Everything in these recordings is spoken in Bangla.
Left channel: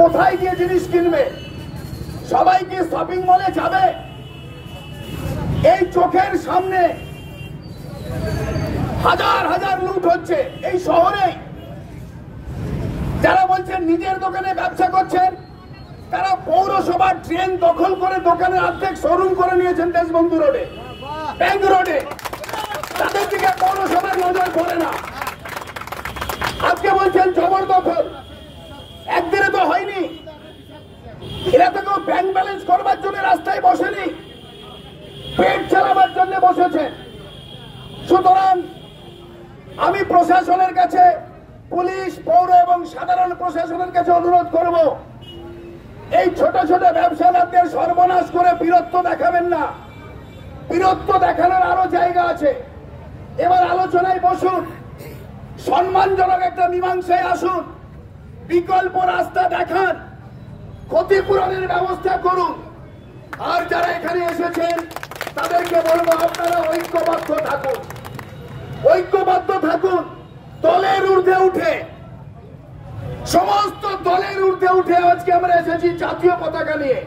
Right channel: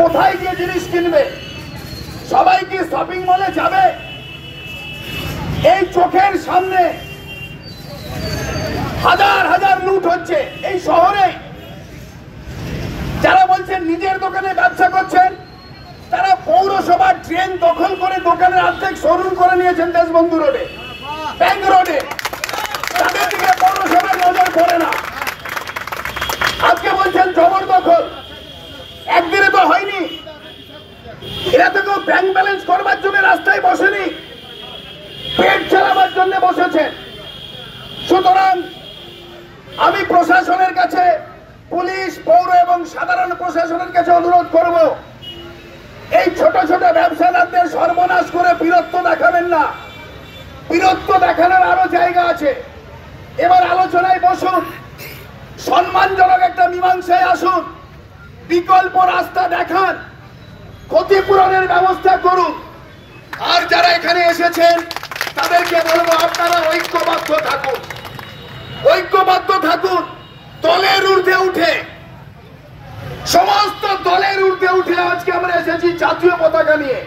কোথায় গিয়ে জিনিস কিনবে? সবাই কি শপিং মলে যাবে? এই চোখের সামনে হাজার হাজার লুট হচ্ছে এই শহরে। যারা বলছেন নিজের দোকানে ব্যবসা করছেন, তারা পৌরসভার ট্রেন দখল করে দোকানের অর্ধেক শোরুম করে নিয়েছেন দেশবন্ধু রোডে, ব্যাংক রোডে। তাদের দিকে পৌরসভার নজর পড়ে না। আজকে বলছেন জবরদখল, একদিনে তো হয়নি। এরা তো কেউ ব্যাংক ব্যালেন্স করবার জন্য রাস্তায় বসেনি, পেট চালাবার জন্য বসেছেন। সুতরাং আমি প্রশাসনের কাছে, পুলিশ, পৌর এবং সাধারণ প্রশাসনের কাছে অনুরোধ করব, এই ছোট ছোট ব্যবসাদারদের সর্বনাশ করে বীরত্ব দেখাবেন না। বীরত্ব দেখানোর আরো জায়গা আছে। এবার আলোচনায় বসুন, সম্মানজনক একটা মীমাংসায় আসুন, বিকল্প রাস্তা দেখান, ক্ষতিপূরণের ব্যবস্থা করুন। আর যারা এখানে এসেছেন তাদেরকে বলবো, আপনারা ঐক্যবদ্ধ থাকুন, ঐক্যবদ্ধ থাকুন। দলের ঊর্ধ্বে উঠে, সমস্ত দলের ঊর্ধ্বে উঠে আজকে আমরা এসেছি জাতীয় পতাকা নিয়ে।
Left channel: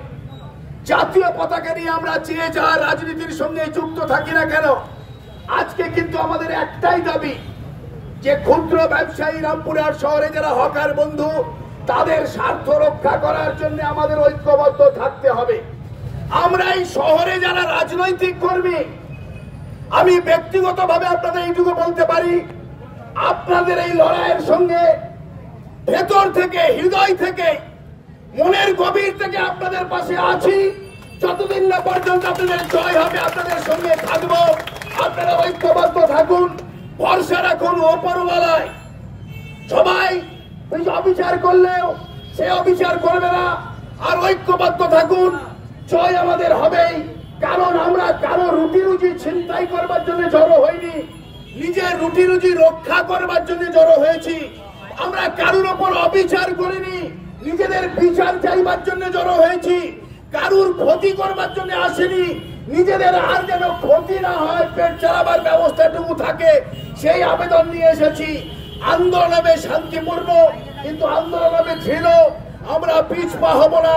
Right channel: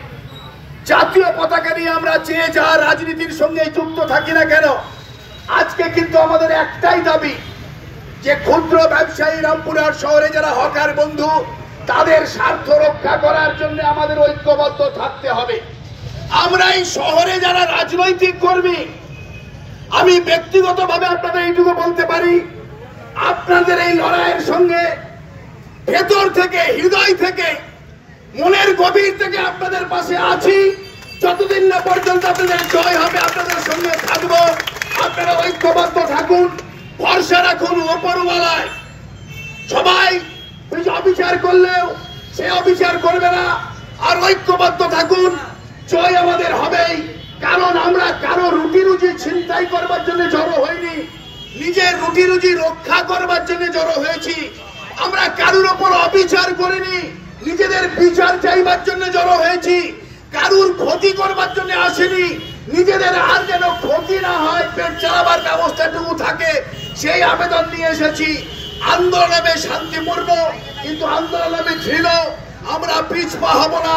জাতীয় পতাকা নিয়ে আমরা যে যা রাজনীতির সঙ্গে যুক্ত থাকি না কেন, আজকে কিন্তু আমাদের একটাই দাবি, যে ক্ষুদ্র ব্যবসায়ী রামপুরহাট শহরে যারা হকার বন্ধু, তাদের স্বার্থ রক্ষা করার জন্য আমাদের ঐক্যবদ্ধ থাকতে হবে। আমরা এই শহরে যারা রাজনৈতিক কর্মী, আমি ব্যক্তিগতভাবে আপনাদের এইটুকু বলতে পারি, আপনাদের এই লড়াইয়ের সঙ্গে ভেতর থেকে, হৃদয় থেকে, মনের গভীর থেকে আপনাদের পাশে আছি। যতদিন না পর্যন্ত আপনাদের জয় হবে, আপনাদের সঙ্গে থাকবো। আপনারা ঐক্যবদ্ধ থাকুন, ভরসা রাখুন ওপরওয়ালায়। সবাই অবিচার করলেও সে অবিচার করবে না। আর ঐক্যবদ্ধ থাকুন, জয় আমাদের হবেই। কারণ আমরা কারো রুটি রুজি ছিনতাই করবার জন্য জড়ো হইনি, নিজের রুটি রুজি রক্ষা করবার জন্য জড়ো হয়েছি। আমরা কারুর ওপর অবিচার করিনি, নিজেদের বিচার চাইবার জন্য জড়ো হয়েছি। কারুর ক্ষতি করবার জন্য আসেনি, নিজেদের আর যেন ক্ষতি না হয়, পেট চালাবার ব্যবস্থাটুকু থাকে, সেই আবেদন নিয়ে এসেছি। আন্দোলনে শান্তিপূর্ণ, কিন্তু আন্দোলনে দৃঢ়। আমরা পিছপা হব না।